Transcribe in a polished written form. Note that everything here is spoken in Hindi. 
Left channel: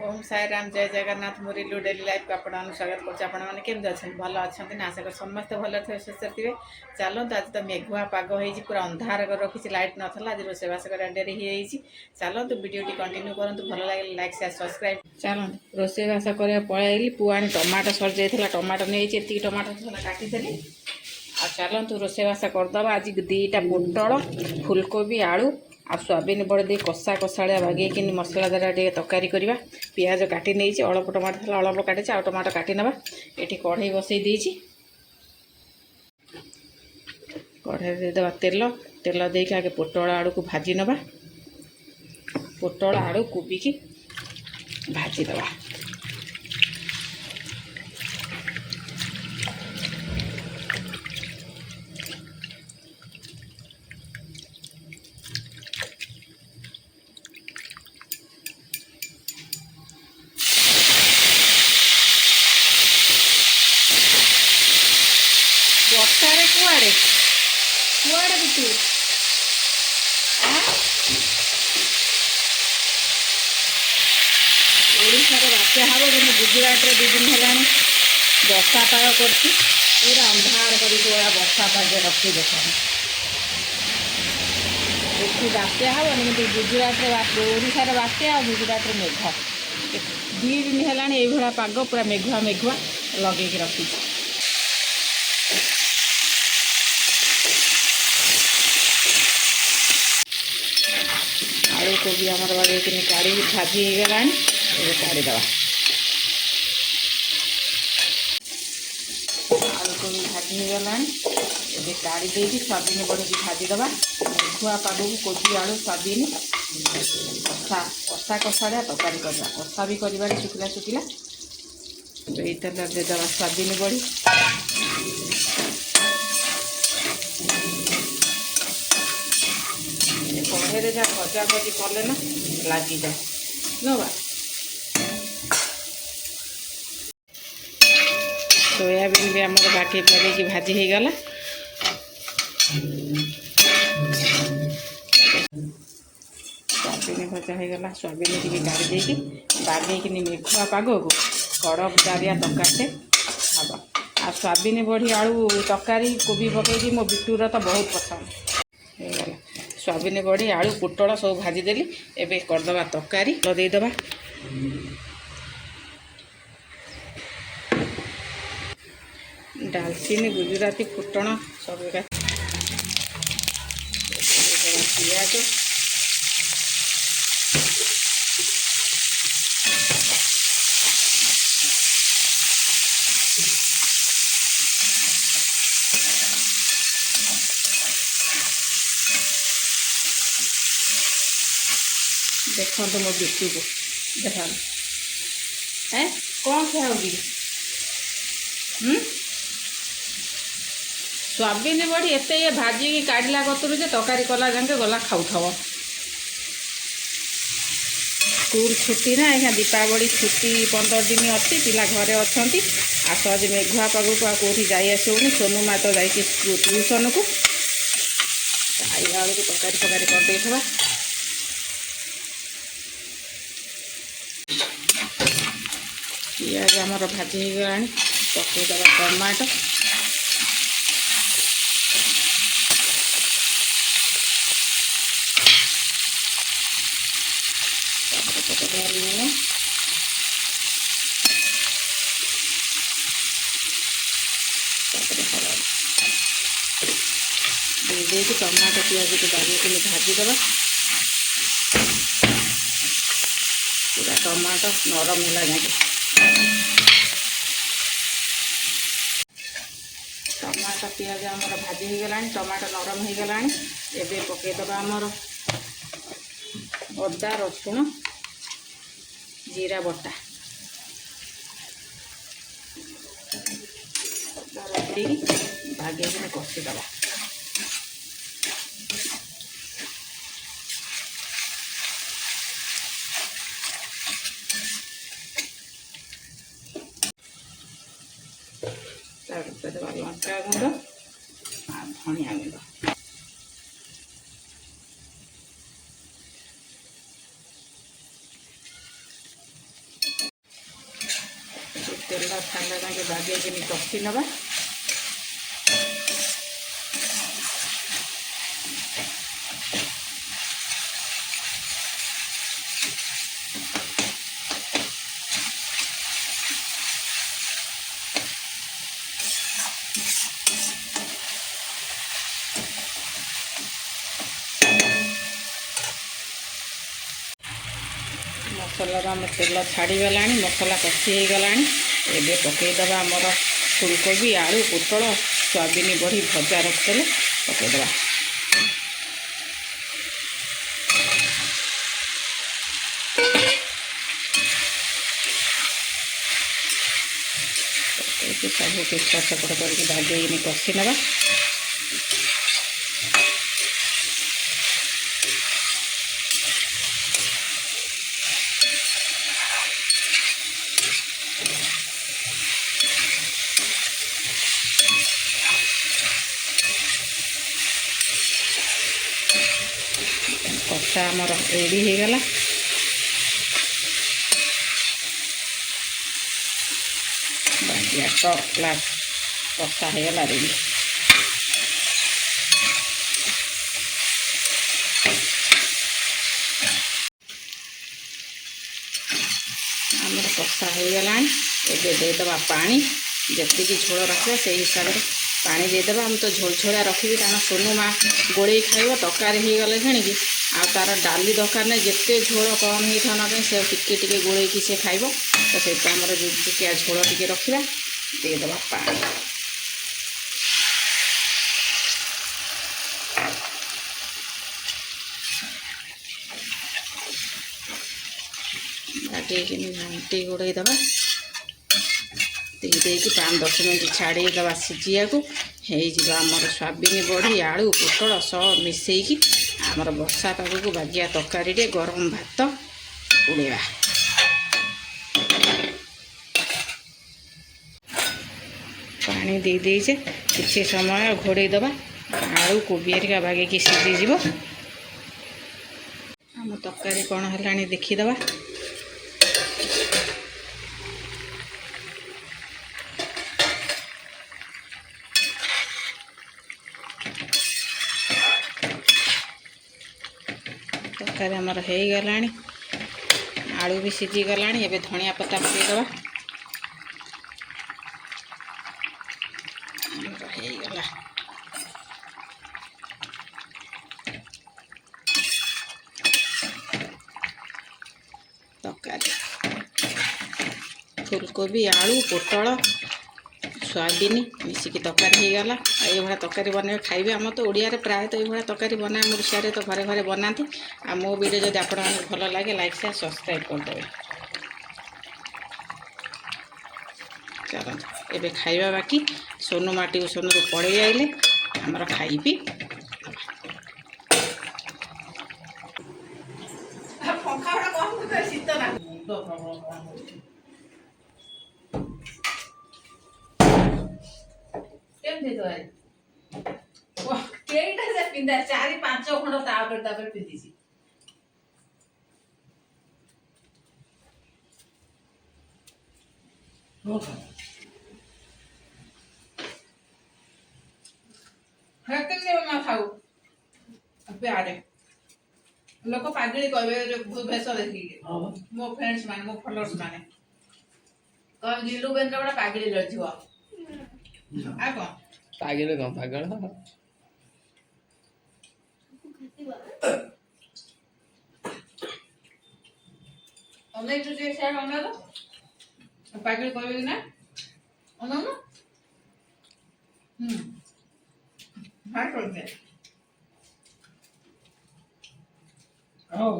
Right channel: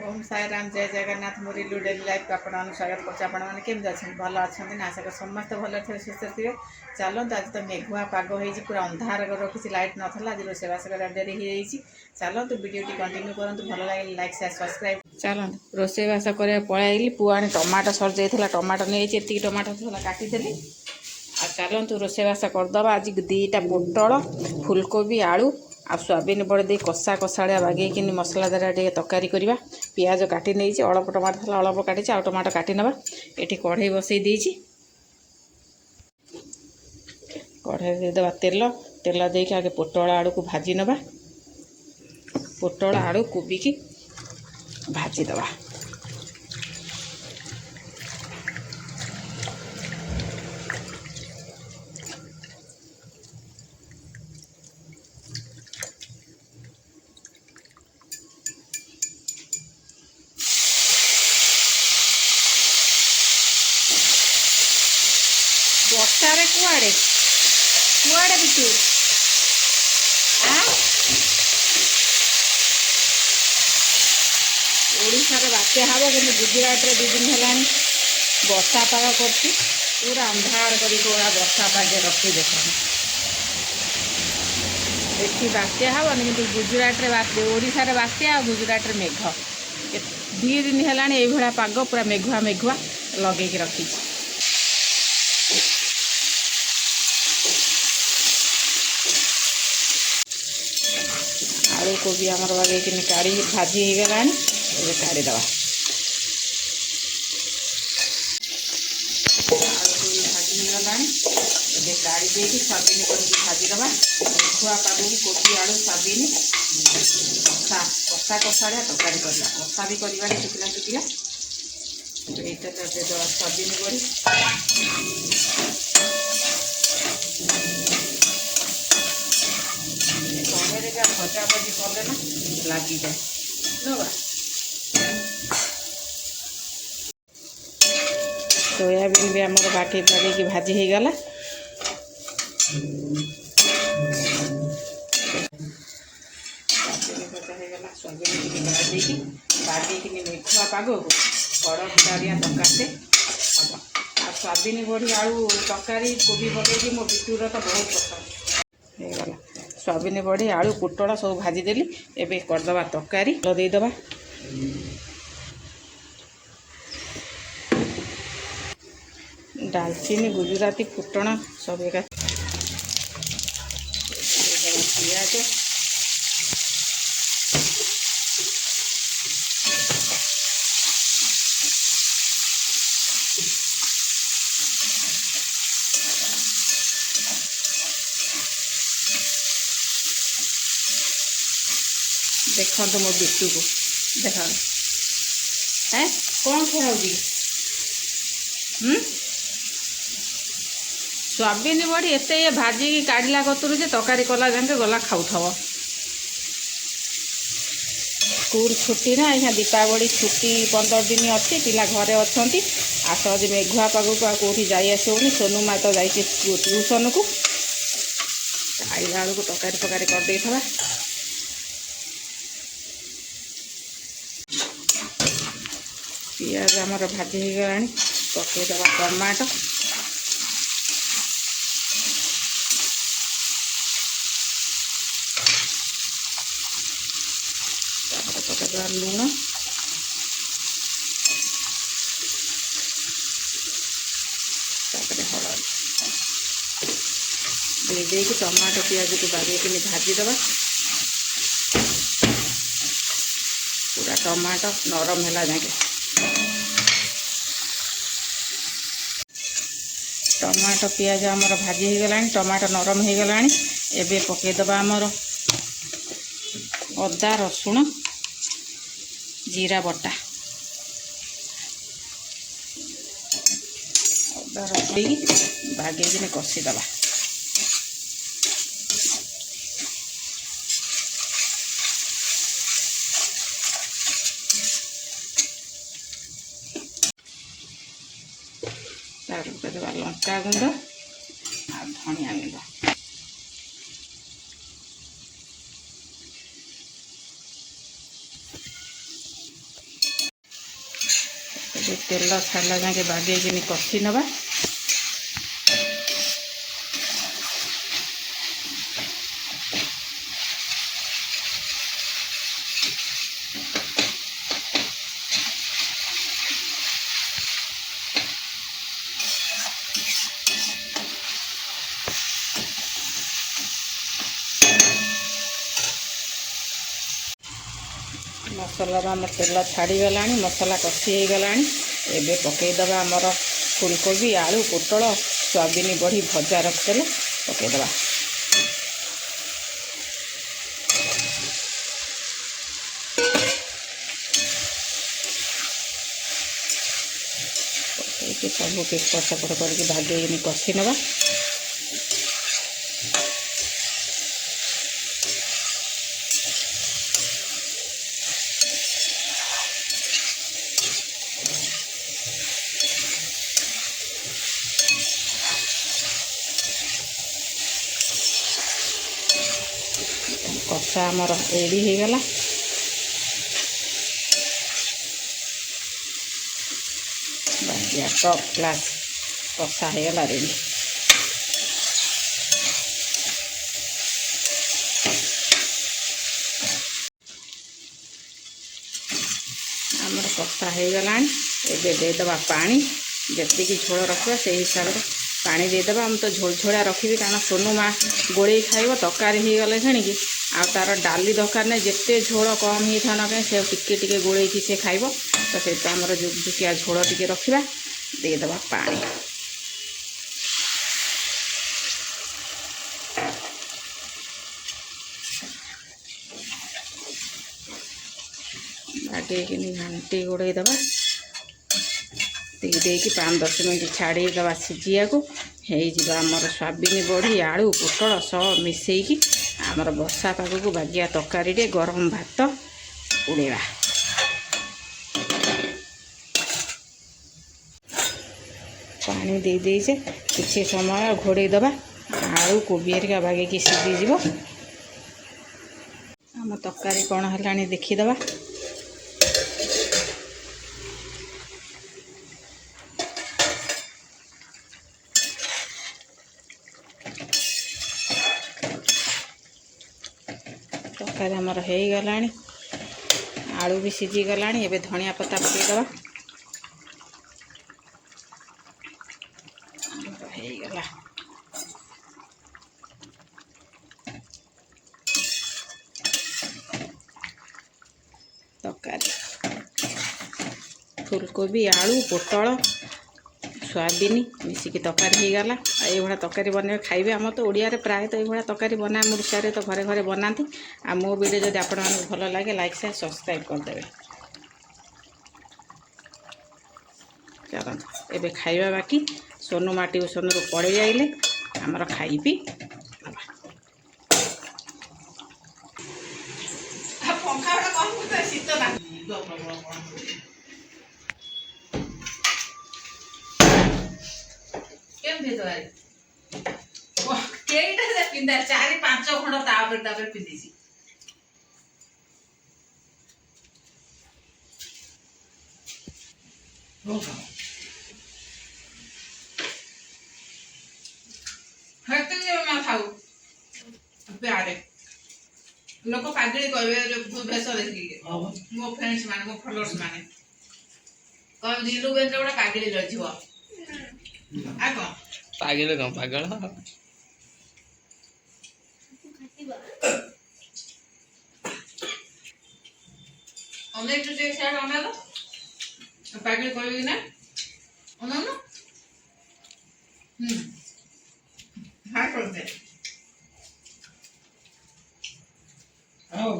ओम साई राम जय जगन्नाथ मोरी लू डेली लाइफ को आपण स्वागत करते भल अच्छा ना आशा कर समस्त भल थे सुस्थ थे। चलते आज तो मेघुआ पाग हो पूरा अंधार कर रखी लाइट नाला आज रोषेबास कर डेरी हो चलते वीडियो कंटिन्यू करूँ भल लगे लाइक शेयर सब्सक्राइब। चलते रोषेबास कर पलैली पुआणी टमाटो सर जाइए टमाटो नहीं ये टमाटो काटिदेली आ चलतु रोषेबास करदे आज दीटा पोटल फुलकोबी आलू आ सोयाबीन बड़े दे कषा कषाड़िया बागेकि मसलादार टे तरकारी करवा पियाज काटी नहीं अल्प टमाटो था अल्प काटी आ टमाटो काटी नवा ये कढ़ई बसई देची कढ़ई देदेबा तेल तेल देके आगे पोटल आलू को भाजी नवा पोटल आलू कोबी की भाजी दवा बसारे कुआड़े कुआड़े बिटू ओडिशार बात्या हम कि गुजरात रे 2 दिन है वर्षा पाग कर पूरा अंधार कर वर्षा पागे रखी देख देखी बात्या हम कि गुजरात रे ओडिशार बात्या और गुजरात रे मेघ 2 दिन है पाग पूरा मेघुआ मेघुआ लगे रखी आलू कोबी आमर बागेकि काढ़ी भाजी हो गला काढ़ीदे भाजी हो गला काढ़ी दे सोयाबीन बड़ी भाजीदे मेघुआ पाग कोबी आलू सोयाबीन कषा कषा कषाड़िया तरकारी करवा कषा भी कर शुखिला शुखिला ये तेल देदेबा सोयाबीन बड़ी भजा भजी कले ना लगी जाए नवा सोयाबीन भी आम बाकी पड़े भाजी हो गला सोयाबीन भजा हो गला सोयाबीन की भाजी बागेकि मेघुआ पाग को बड़ डारिया तरकारी हम आ सोयाबीन बड़ी आलू तरकारी कोबी पकई मो बिटूर तो बहुत पसंद हो गला सोयाबीन बड़ी आलू पोटल सब भाजीदेली एवं करदे तरकारी देदेबा डालचीनी गुजराती फुटण सब एक पियाज देखो तो मो बिटू को देखा है कौन खाया होगी सोयाबीन बड़ी एत ये भाजी की काढ़ला कतुर से तरकारी कला जाके गला खाऊ स्कूल छुट्टी ना यहाँ दीपावली छुट्टी 15 दिन अच्छी पिला घरे अच्छा आस आज मेघुआ पाग को कौटी जाइए सोनू माँ तो जाइए ट्यूशन को आइला बेलू तरकारी फकारी करदे पियाज आमर भाजी हो गला पकईदे टमाटो पकईदे लुण हलदी दे टमाटो पियाज को बागेकि भाजीदे पूरा टमाटो नरम है जाके टमाटो पियाज आमर भाजी हो गला टमाटो नरम हो गला एवं पकईदे आमर अदा रसुण जीरा बटा अदा रसुण बागेकि कषीदे देवा लंका गुंड आ धनिया गुंड तेल छाड़ा जाके बागेकिन कषि नवा मसला आम तेल छाड़गला मसला कषि हो गला एबे पकईदबा आमर फुलकोबी आलू पोटल सोयाबीन बड़ी भजा रखिदे पकईदबा सब एपट सेपट करके भागे कषि नवा कषा आमर रेडी हो गला बाजिया टॉप क्लास कषा हो गला रेडी आमर कषा हो गला एबे देदबा पानी जति झोल रखा से हिसाब से पानी देदबा हम तो झोल झोड़ा रखी कारण सोनू माँ गोड़े खाइब तरकारी हो गले कि आ तार डाली दरकार नहीं जिते झोल कम ही था ना से टिके गोड़े से खाइब तो से आमर जुकिया झोल टिके रखा देदबा पानी बागेकिन घाटी गोड़े दबा देकी 5-10 मिनट छाड़ीदबा सीझिया को आमर सोयाबीन बड़ी आलू पोटल सब मिसेकी आमर वर्षा पाग को बागिया तरकारी गरम भात उड़ेबा पानी दे देजे किसी समय घोड़े दबा आलू कोबी हेरिका बागेकी सीझीज आम तरकारी कौन है देखीदबा तरकारी आमर हो गला आलू भी सीझी गला एबे धनिया पत्ता पकईदबा हो गला तरकारी फुलकोबी आलू पोटल सोयाबीन मिसिकी तरकारी हो गला ये तरकारी बन खाइबे आम तो ओडिया प्रायतः ये तरकारी बना ओडिशा तो घरे घरे बनाती आ मो वीडियो जब आप भल लगे लाइक शेयर सब्सक्राइब करदे चलो एबे खाइबा बाकी सोनू माँ ट्यूशन रू पड़े आइले आमर खाइबी पिंधा 4-5 खंड तापर पिंधि खाऊ प्यारे लोक पागड़ी कहे भेष देखिए मो फ्रेंड्स मान मो फॉलोअर्स माने कह नीलू बेन गोटे पागड़ी रही आ कौन पागल कौन पागल अनेक तुझे साइड अना तो पागड़ी कहेगी ना अना ना हाय करते आओ